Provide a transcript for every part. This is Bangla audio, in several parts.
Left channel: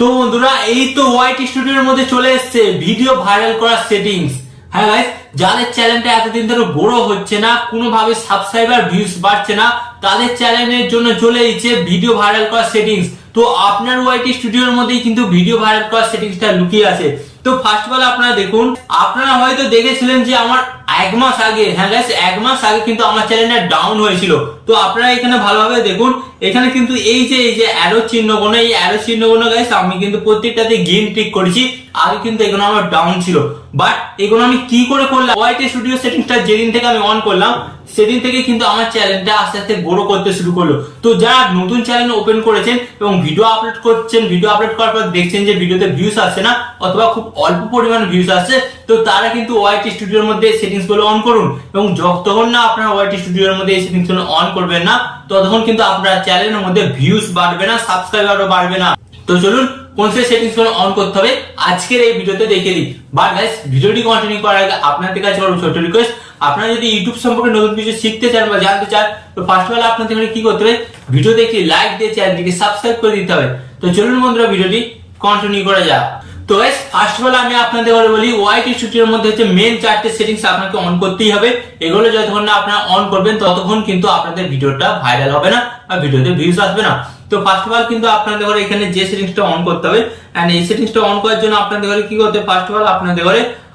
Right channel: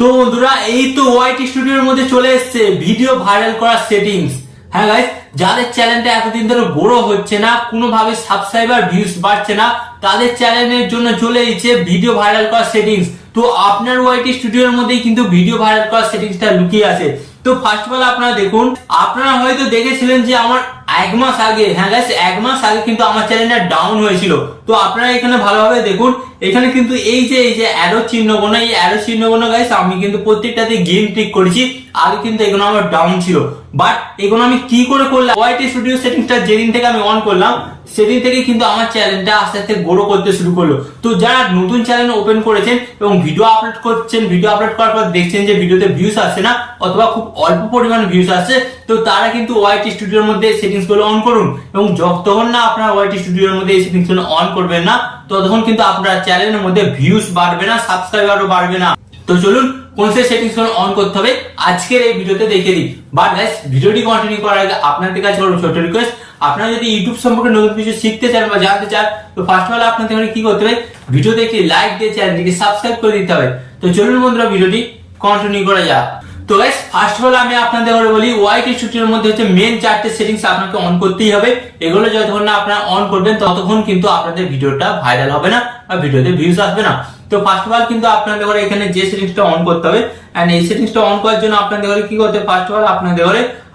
তো বন্ধুরা এই তো ওয়াইটি স্টুডিওর মধ্যে চলে এসেছে ভিডিও ভাইরাল করার সেটিংস। হ্যাঁ গাইস, যাদের চ্যানেলটা এতদিন ধরে গ্রো হচ্ছে না, কোনোভাবে সাবস্ক্রাইবার ভিউজ বাড়ছে না, তাদের চ্যানেলের জন্য চলে এসেছে ভিডিও ভাইরাল করার সেটিংস। তো আপনার ওয়াইটি স্টুডিওর মধ্যেই কিন্তু ভিডিও ভাইরাল করার সেটিংসটা লুকিয়ে আছে। তো ফার্স্ট অফ অল আপনারা দেখুন, আপনারা হয়তো দেখেছিলেন যে আমার এক মাস আগে, হ্যাঁ গাইস, এক মাস আগে কিন্তু আমার চ্যানেলটা ডাউন হয়েছিল। তো আপনারা এখানে ভালোভাবে দেখুন, এখানে কিন্তু এই যে অ্যারো চিহ্নগুলো, এই অ্যারো চিহ্নগুলো গাইস আমি কিন্তু প্রত্যেকটাতে গ্রিন টিক করেছি। আগে কিন্তু এগুলো আমার ডাউন ছিল, বাট এগুলো আমি কি করে করলাম, ওয়াইটি স্টুডিও সেটিংসটা যেদিন থেকে আমি অন করলাম সেদিন থেকে কিন্তু আমার চ্যানেলটা আস্তে আস্তে গ্রো করতে শুরু করলো। তো যারা নতুন চ্যানেল ওপেন করেছেন এবং ভিডিও আপলোড করছেন, ভিডিও আপলোড করার পর দেখছেন যে ভিডিওতে ভিউজ আসছে না অথবা খুব অল্প পরিমাণ ভিউজ আসছে, তো তারা কিন্তু ওয়াইটি স্টুডিওর মধ্যে সেটিংস গুলো অন করুন। এবং যতক্ষণ না আপনারা ওয়াইটি স্টুডিওর মধ্যে এই সেটিংস গুলো অন করবেন না, ততক্ষণ কিন্তু আপনার চ্যানেলের মধ্যে ভিউজ বাড়বে না, সাবস্ক্রাইবারও বাড়বে না। তো চলুন কোন সেই সেটিংস গুলো অন করতে হবে আজকের এই ভিডিওতে দেখে দিই। বাট গাইস, ভিডিওটি কন্টিনিউ করার আগে আপনাদের কাছে করবো ছোট রিকোয়েস্ট, আপনারা যদি ইউটিউব সম্পর্কে নতুন কিছু শিখতে চান বা জানতে চান, তো ফার্স্ট অফ অল আপনাদের কি করতে হবে, ভিডিওতে একটি লাইক দিয়ে চ্যানেলটিকে সাবস্ক্রাইব করে দিতে হবে। তো চলুন বন্ধুরা ভিডিওটি কন্টিনিউ করা যাক। তো গাইস, ফার্স্ট অফ অল আমি আপনাদের বলি, ওয়াইটি স্টুডিওর মধ্যে হচ্ছে মেন চারটে সেটিংস আপনাকে অন করতেই হবে। এগুলো যতক্ষণ না আপনারা অন করবেন ততক্ষণ কিন্তু আপনাদের ভিডিওটা ভাইরাল হবে না বা ভিডিওতে ভিউজ আসবে না। তো ফার্স্ট অফ অল কিন্তু আপনাদের এখানে যে সেটিংসটা অন করতে হবে, এন্ড এই সেটিংসটা অন করার জন্য আপনাদের কি করতে হবে, ফার্স্ট অফ অল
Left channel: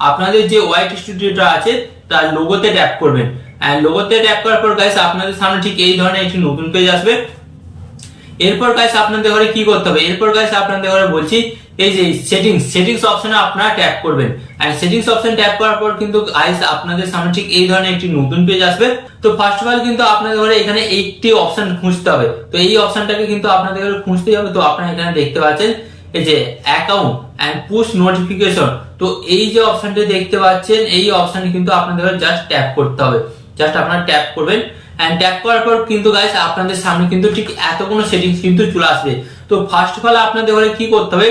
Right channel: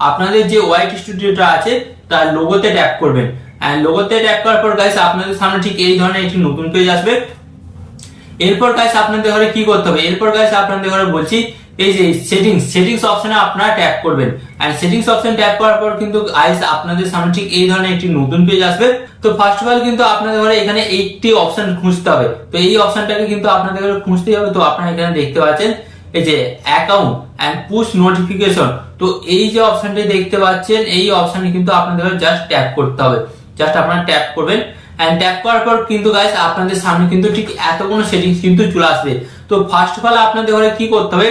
আপনাদের যে ওয়াইটি স্টুডিওটা আছে তার লোগোতে ট্যাপ করবেন। এন্ড লোগোতে ট্যাপ করার পর গাইস আপনাদের সামনে ঠিক এই ধরনের একটি নতুন পেজ আসবে। এরপর গাইস আপনাদের কি করতে হবে, এরপর গাইস আপনাদের বলছি এই যে সেটিংস অপশনে আপনারা ট্যাপ করবেন। এন্ড সেটিংস অপশন ট্যাপ করার পর কিন্তু গাইস আপনাদের সামনে ঠিক এই ধরনের একটি নতুন পেজ আসবে। তো ফার্স্ট অফ অল কিন্তু আপনাদের এখানে এইটি অপশন খুঁজতে হবে। তো এই অপশনটাকে কিন্তু আপনাদের খুঁজতেই হবে। তো আপনারা এখানে দেখতে পাচ্ছেন এই যে অ্যাকাউন্ট এন্ড পুশ নোটিফিকেশন। তো এই যে অপশনটা দেখতে পাচ্ছেন, এই অপশনে কিন্তু আপনাদের জাস্ট ট্যাপ করতে হবে। জাস্ট আপনারা ট্যাপ করবেন, এন্ড ট্যাপ করার পর কিন্তু গাইস আপনাদের সামনে কিন্তু ঠিক এতগুলো সেটিংস কিন্তু চলে আসবে। তো ফার্স্ট অফ অল আপনাদের কি করতে হবে,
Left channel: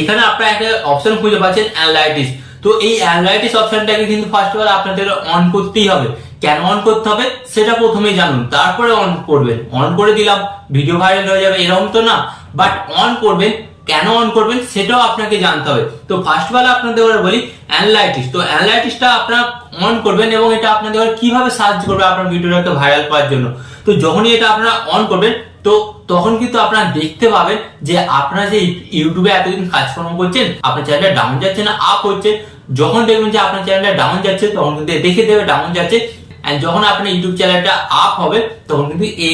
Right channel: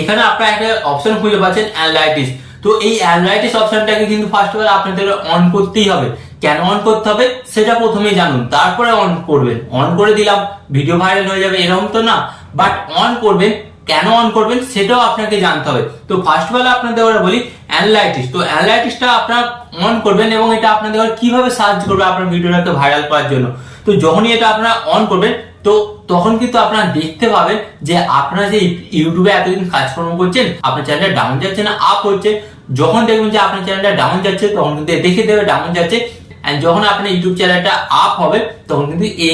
এখানে আপনারা একটা অপশন খুঁজে পাচ্ছেন অ্যানালাইটিক্স। তো এই অ্যানালাইটিক্স অপশনটাকে কিন্তু ফার্স্ট অফ অল আপনাদের অন করতেই হবে। কেন অন করতে হবে সেটা প্রথমেই জানুন, তারপরে অন করবেন। অন করে দিলাম ভিডিও ভাইরাল হয়ে যাবে এরকম তো না, বাট অন করবেন, কেন অন করবেন সেটাও আপনাকে জানতে হবে। তো ফার্স্ট অফ অল আপনাদের বলি অ্যানালাইটিক্স। তো অ্যানালাইটিক্সটা আপনারা অন করবেন এবং এটা আপনাদের কিভাবে সাহায্য করবে আপনার ভিডিওটাকে ভাইরাল করার জন্য। তো যখনই এটা আপনারা অন করবেন, তো তখন কিন্তু আপনারা দেখতে পাবেন যে আপনারা যে ইউটিউবে এতদিন কাজকর্ম করছেন, আপনার চ্যানেলটা ডাউন যাচ্ছে না আপ হচ্ছে। যখন দেখবেন যে আপনার চ্যানেলটা ডাউন যাচ্ছে, তখন কিন্তু দেখে দেবে ডাউন যাচ্ছে। এন্ড যখন আপনার ইউটিউব চ্যানেলটা আপ হবে, তখন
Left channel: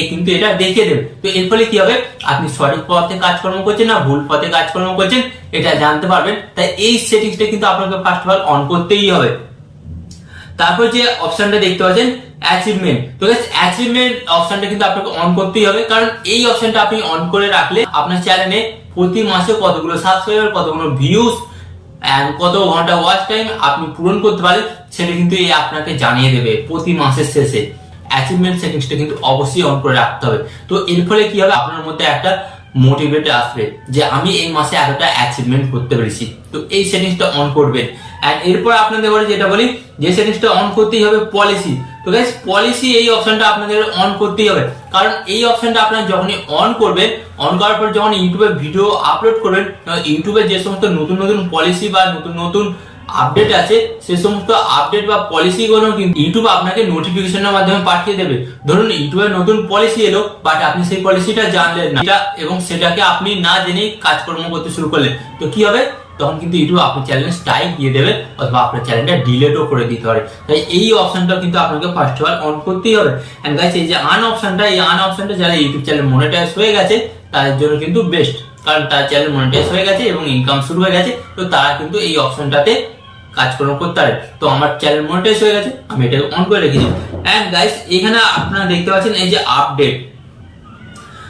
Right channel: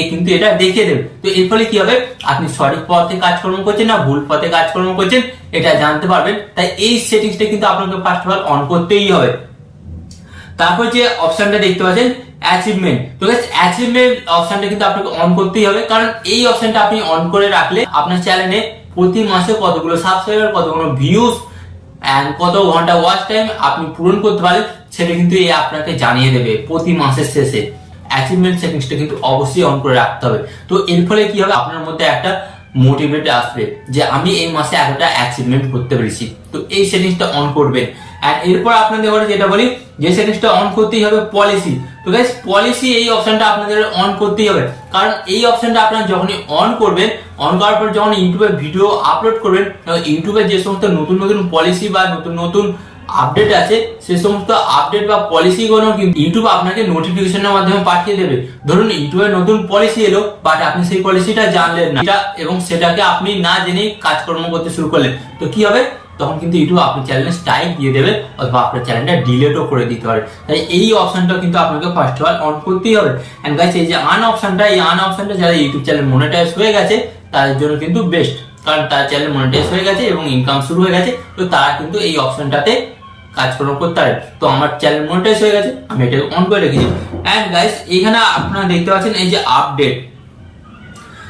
কিন্তু এটা দেখিয়ে দেবে। তো এর ফলে কি হবে, আপনি সঠিক পথে কাজকর্ম করছেন না ভুল পথে কাজকর্ম করছেন এটা জানতে পারবেন। তাই এই সেটিংসটা কিন্তু আপনাকে ফার্স্ট অফ অল অন করতেই হবে। তারপর যে অপশনটা দেখতে পাচ্ছেন অ্যাচিভমেন্ট, তো অ্যাচিভমেন্ট অপশনটা কিন্তু আপনাকে অন করতেই হবে, কারণ এই অপশনটা আপনি অন করে রাখলে আপনার চ্যানেলে প্রতি মাসে কতগুলো সাবস্ক্রাইবার, কতগুলো ভিউজ এন্ড কত ঘন্টা ওয়াচ টাইম আপনি পূরণ করতে পারেন সেটা কিন্তু এই আপনাকে জানিয়ে দেবে প্রতি মাসের শেষে। অ্যাচিভমেন্ট সেটিংসটা কিন্তু অবশ্যই অন করে রাখতে হবে। তো এর ফলে কি হবে, আপনার মধ্যে একটা মোটিভেট আসবে যে আমি এই মাসে এতটা অ্যাচিভমেন্ট করতে পেরেছি। তো এই সেটিংসটা অন করবেন। আর এরপর আপনাদের যেটা বলি, যে সেটিংসটা অন করতেই হবে পলিসি। তো গাইস, পলিসি এই অপশনটা আপনাদের অন করতেই হবে, কারণ এই অপশনটা আপনারা যখনই অন করবেন, অন করার পর যখন ইউটিউবে ভিডিও আপলোড করবেন, ইউটিউবে যে সমস্ত নতুন নতুন পলিসি বা নতুন নতুন আপডেট আছে, সেই সমস্ত আপডেট বা পলিসি গুলো কিন্তু ইউটিউব আপনাকে নোটিফিকেশনের মাধ্যমে পাঠিয়ে দেবে। ধরুন ইউটিউবে নতুন পলিসি এলো, বাট আপনি সেই পলিসিটা জানলেন না এবং সেটাকে আপনি না জেনেই কাজকর্ম করতে শুরু করলেন, তো কি হবে, তখন কিন্তু ইউটিউব আপনার চ্যানেলে স্ট্রাইক দিয়ে দেবে অথবা আপনার চ্যানেলটা ডিলেটও করে দিতে পারে। তাই এই অপশনটা কিন্তু আপনাকে ফার্স্ট অফ অল অন করতেই হবে। এন্ড গাইস, এই যে আন অপশনটা, এই আন অপশনটা যারা ইউটিউব চ্যানেল মনিটাইজ হয়ে গেছে তাদের জন্য কিন্তু বেস্ট, কারণ তার চ্যানেল মনিটাইজ হয়ে গেছে এবং ইনকাম শুরু হয়ে গেছে। তো তারা কিন্তু এই অপশনটাতে কাজকর্ম করতে পারে। তো আমার চ্যানেল মনিটাইজ হয়ে গেছে, আমি এটা অন করে রেখেছি। এন্ড গাইস, এখানে আপনারা দেখতে পাচ্ছেন এই যে আপডেট।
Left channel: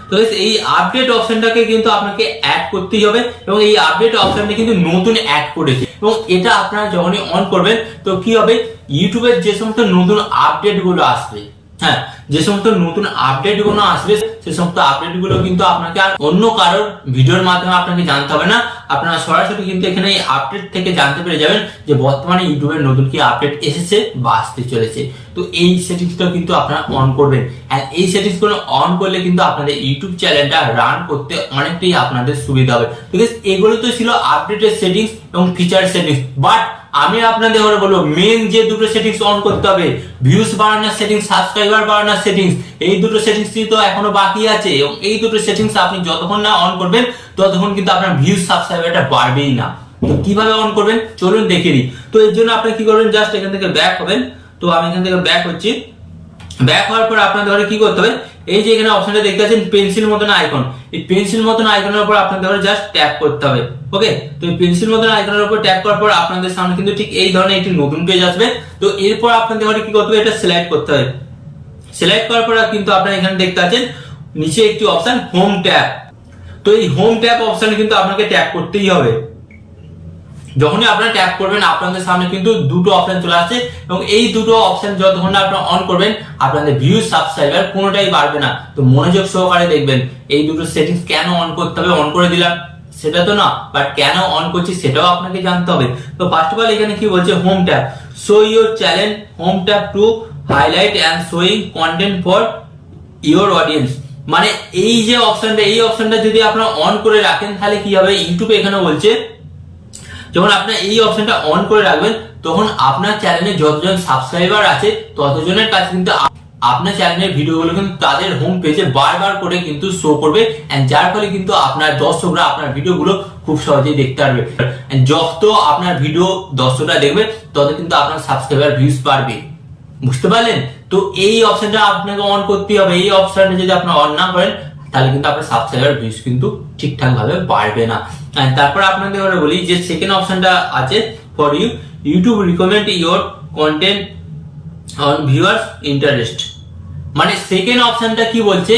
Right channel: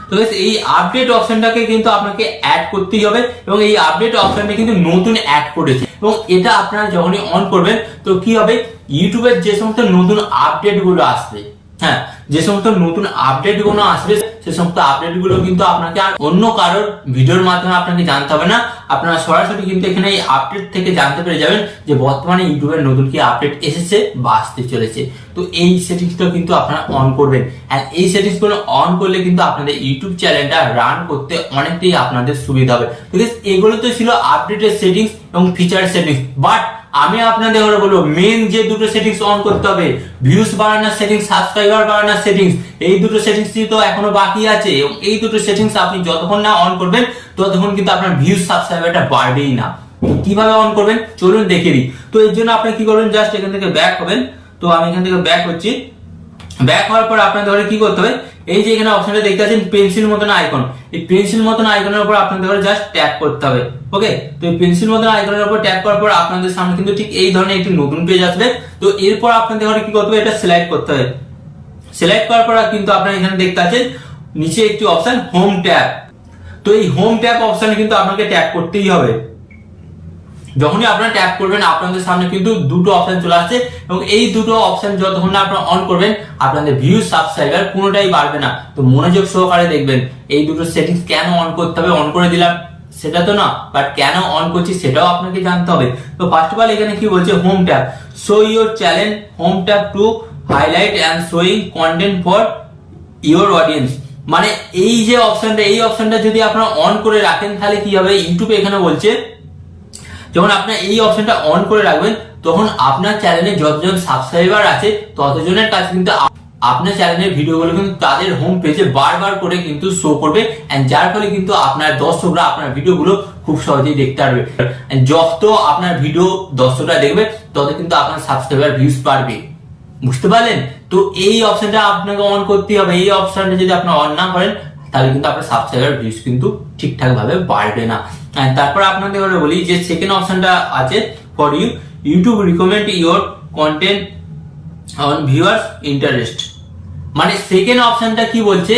তো এই আপডেট অপশনটাকে কিন্তু আপনাকে অ্যাড করতেই হবে এবং এই আপডেট অপশনটা কিন্তু নতুন অ্যাড করেছে এবং এটা আপনারা যখনই অন করবেন, তো কি হবে, ইউটিউবের যে সমস্ত নতুন আপডেট গুলো আসবে, হ্যাঁ, যে সমস্ত নতুন আপডেট গুলো আসবে সে সমস্ত আপডেট গুলো কিন্তু আপনাকে আর অন্য কারোর ভিডিওর মাধ্যমে আপনাকে জানতে হবে না। আপনারা সরাসরি কিন্তু এখানে এই আপডেট থেকে জানতে পেরে যাবেন যে বর্তমানে ইউটিউবের নতুন কি আপডেট এসেছে বা আসতে চলেছে। তো এই সেটিংসটা কিন্তু আপনারা অন করবেন, আর এই সেটিংস গুলো অন করলে কিন্তু আপনাদের ইউটিউব চ্যানেলটা রান করতে অনেকটাই আপনাদের সুবিধা হবে। তো এগুলো তো ছিল আপডেটের সেটিংস এবং ফিচার সেটিংস, বাট আমি আপনাদের ঘরে বলবো মেন যে দুটো সেটিংস অন করতে হবে, ভিউজ বাড়ানোর সেটিংস, সাবস্ক্রাইবার বাড়ানোর সেটিংস, এই দুটো সেটিংস তো এখনো বাকি আছে এবং এই দুটো সেটিংস আপনি যতক্ষণ না অন করবেন ততক্ষণ কিন্তু আপনার ভিউজ সাবস্ক্রাইবারটা বাড়বেই না। তো কিভাবে অন করবেন চলুন দেখে দিই। তো এর জন্য আপনি কি করবেন, জাস্ট এখান থেকে ব্যাক হবেন। তো আমি এখান থেকে ব্যাক হচ্ছি। ব্যাক হওয়ার পর আপনাদের ঘরে কি করতে হবে, এই যে এখানে অপশনটা দেখতে পাচ্ছেন পেন্সিল মতন আইকন, এই পেন্সিল মতন আইকনের উপর আপনাদের ঘরে জাস্ট ট্যাপ করতে হবে। ওকে, তো এই পেন্সিল মতন আইকনের উপর ট্যাপ করার পর আপনাদের সামনে কিন্তু ঠিক এই ধরনের একটি নতুন পেজ আসবে। তো এরপর আপনাদের ঘরে কি করতে হবে, এটা সিলেক্ট করতে হবে। সিলেক্ট করার পর কিন্তু আপনারা এখানে দেখতে পাচ্ছেন নিচে একটি অপশন হোম ট্যাব। তো এই হোম ট্যাব অপশনে কিন্তু আপনাকে ট্যাপ করতেই হবে। যখনই আপনারা ট্যাপ করবেন আপনাদের সামনে কিন্তু দুটো অপশন চলে আসছে এবং এই দুটো অপশন যতক্ষণ না আপনারা অন করবেন আপনাদের ভিউ সাবস্ক্রাইবার কোনোটাই বাড়বে না। তো মনোযোগ সহকারে দেখবেন এই দুটো সেটিংস কেন অন করতে হবে, অন করে দিলাম সেটা তো না, বাট কেন অন করছি সেটাও আপনাকে জানতে হবে। তো ফার্স্ট অফ অল এখানে কি বলছে, home tab, show your channel home tab to highlight and showing content for your audience. মানে এই যে অপশনটা, এই অপশনটা যদি আপনারা অন করে রাখেন তাহলে কি হবে, ইউটিউবে এখানে বলছে যখন আপনার এই অপশনটা অন করে রাখবেন তখন আপনার চ্যানেলে যতজন সাবস্ক্রাইবার আছে ততজনের কাছে কিন্তু আপনার চ্যানেলের ভিডিওগুলো কিন্তু তাদের হোম পেজে বারবার করে কিন্তু শো করবে, যার ফলে কিন্তু আপনার দর্শকরা আপনার ভিডিওগুলো খুব সহজেই দেখতে পারবে। যত আপনার ভিডিও দর্শকরা দেখবে তত কিন্তু আপনার সাবস্ক্রাইবার ভিউজ বাড়বে। বুঝতে পারলেন? তো এই অপশনটা আপনাকে অন করতে হবে। এই অপশনটা যদি আপনার অন না করেন তাহলে কিন্তু আপনার সাবস্ক্রাইবার ভিউজ কিন্তু ঠিকঠাক ভাবে বাড়বে না। তারপর আপনাদের বলি যে সেকেন্ড অপশনটা আছে for you, YouTube recommend your content on viewers interest. মানে সেকেন্ড অপশনটা কি বলছে,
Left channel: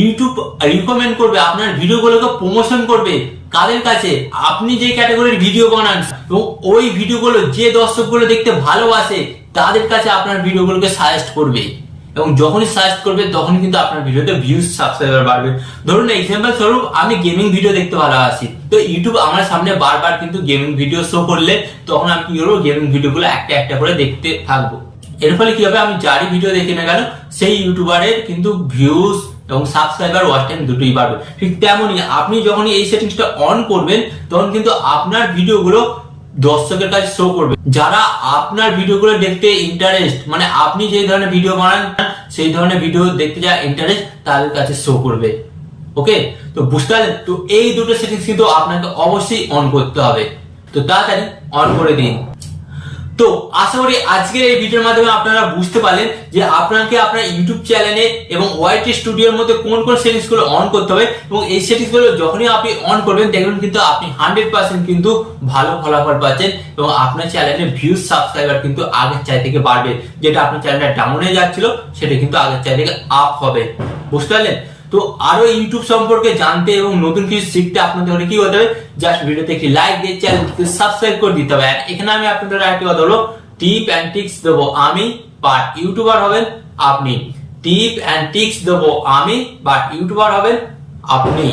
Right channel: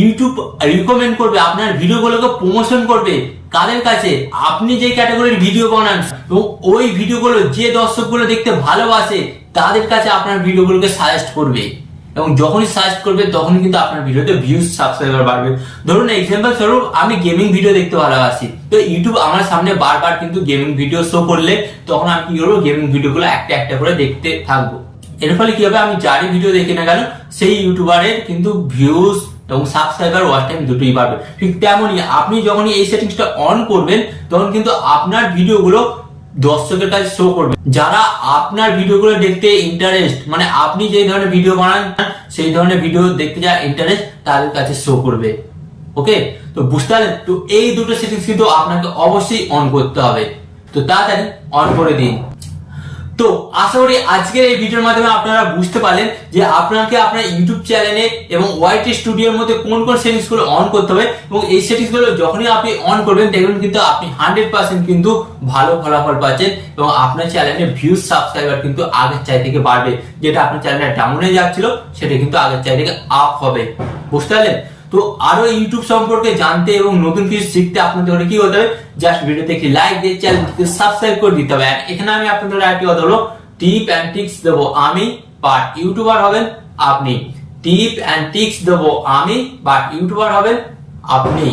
ইউটিউব রিকমেন্ড করবে, আপনার ভিডিওগুলোকে প্রমোশন করবে কাদের কাছে, আপনি যে ক্যাটাগরির ভিডিও বানান এবং ওই ভিডিওগুলো যে দর্শকগুলো দেখতে ভালোবাসে তাদের কাছে আপনার ভিডিওগুলোকে সাজেস্ট করবে এবং যখনই সাজেস্ট করবে তখনই কিন্তু আপনার ভিডিওতে ভিউজ সাবস্ক্রাইবার বাড়বে। ধরুন এক্সাম্পল স্বরূপ আমি গেমিং ভিডিও দেখতে ভালোবাসি, তো ইউটিউব আমার সামনে বারবার কিন্তু গেমিং ভিডিও শো করলে তখন আমি কি করবো, গেমিং ভিডিওগুলো একটা একটা করে দেখতে থাকবো। এর ফলে কি হবে, আমি যারই ভিডিও দেখি না কেন সেই ইউটিউবারের কিন্তু ভিউজ এবং সাবস্ক্রাইবার ওয়াচ টাইম দুটোই বাড়বে। ঠিক তেমনই আপনি যখনই এই সেটিংসটা অন করবেন তখন কিন্তু আপনার ভিডিওগুলো দর্শকের কাছে শো করবে, যারা আপনার ভিডিওগুলো দেখতে ইন্টারেস্ট, মানে আপনি যে ধরনের ভিডিও বানান সেই ধরনের ভিডিও দেখতে যা ইন্টারেস্ট তাদের কাছে শো করবে। ওকে, তো বুঝতে পারলেন? তো এই দুটো সেটিংস কিন্তু আপনাকে অবশ্যই অন করতে হবে। তো তাড়াতাড়ি অন করে দিন। তো আশা করি আজকের এই ভিডিওর মাধ্যমে আপনারা বুঝতে পারলেন যে আপনাকে আপনার ইউটিউব চ্যানেলে এবং ওয়াইটি স্টুডিওর মধ্যে কোন কোন সেটিংস গুলো অন করতে হবে এবং এই সেটিংস গুলো যখনই আপনি অন করবেন দেখবেন কিন্তু আপনি 100% কিন্তু ভালো ফলাফল পাচ্ছেন এবং আপনার চ্যানেলে ভিউজ সাবস্ক্রাইবার কিন্তু আগের চাই থেকে বাড়বে। যেটা আপনার চ্যানেলটা ডাউনে যাচ্ছিল সেটা কিন্তু আগের চাই থেকে আপ হবে। বুঝতে পারলেন? তো আরো ইউটিউব সম্পর্কে জানতে এবং নতুন কিছু শিখতে আপনাদের ঘরে কি করতে হবে, জাস্ট ভিডিওতে একটি লাইক দিয়ে চ্যানেলটিকে সাবস্ক্রাইব করে দিতে হবে। এখানে আমি আপনাদের আরেকটি কথা বলবো, টিপ এন্ড টিক্স দেবো আমি, বাট ইউটিউবার হবেন আপনি। টিপ এন্ড টিক্স দেবো আমি, বাট ইউটিউবার হবেন আপনি।